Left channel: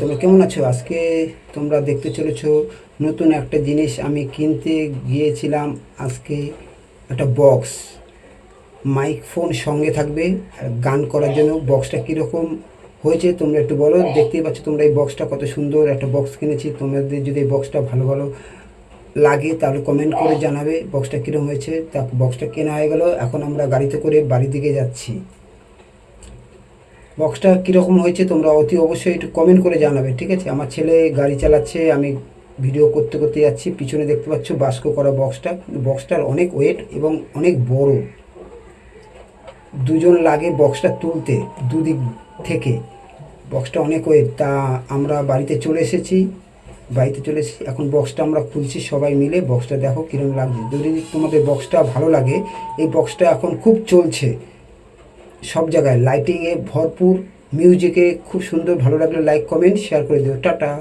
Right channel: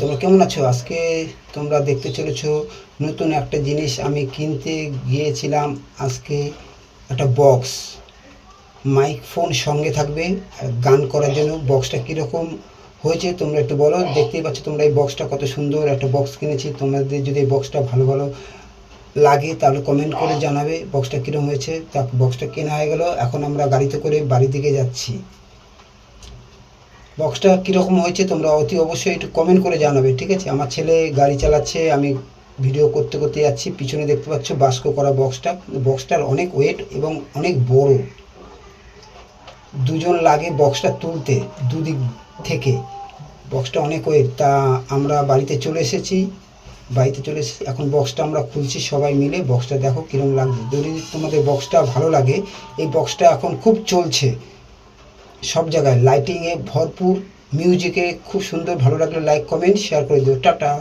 তোমরা কেমন আছো? আজকে তোমরা দেখতে চলেছো নতুন একটা জিনিস আমি কিনতে গিয়েছিলাম। আজকে একটা বক্স, মাইক ফোন সঙ্গে থাকবে গান করার জন্য। বক্সটা কীরকম হয়েছে তোমরা একটু বলো। দেখতেই পাচ্ছ তোমরা এই বক্সটা কত সুন্দর একটা বক্স কিনেছি। তোমাদের যদি এই বক্সটা ভালো ভালো লাগে তাহলে কমেন্ট করে জানাবে বক্সটা কীরকম হয়েছে। তা বক্সটা কেনা হয়ে গেল, এখন আমরা গাড়িতে করে বাড়ির দিকে যাচ্ছি। বক্সটা কীরকম হয়েছে তোমরা অতি অবশ্যই একটু কমেন্ট করে জানাবে, ঠিক আছে? আমার ছেলে গাড়ি চালাচ্ছে, আমি ভিডিও করতে করতে যাচ্ছি। পিছনে দেখতে পাচ্ছ বাস্ক করা বক্সটা। বক্সটার অনেক ওয়েট এবং অনেক বড়, দুজন লাগে বক্সটা তুলতে দুদিক থেকে। বক্সটা অনেক ওয়েট। তা আমরা বাড়িতে চলে এসেছি, এখন বক্সটা আমরা খুলছি সবাই মিলে। বক্সটা দেখো কীরকম লাগছে। যদি তোমাদের বক্সটা ভালো লাগে, এই বক্সটা এখন খুব চলছে সব জায়গায়, লাইটিংয়ে ভরপুর, মিউজিকে খুব সুন্দর। ভালো লাগলে লাইক কমেন্ট শেয়ার করে দিও। টাটা।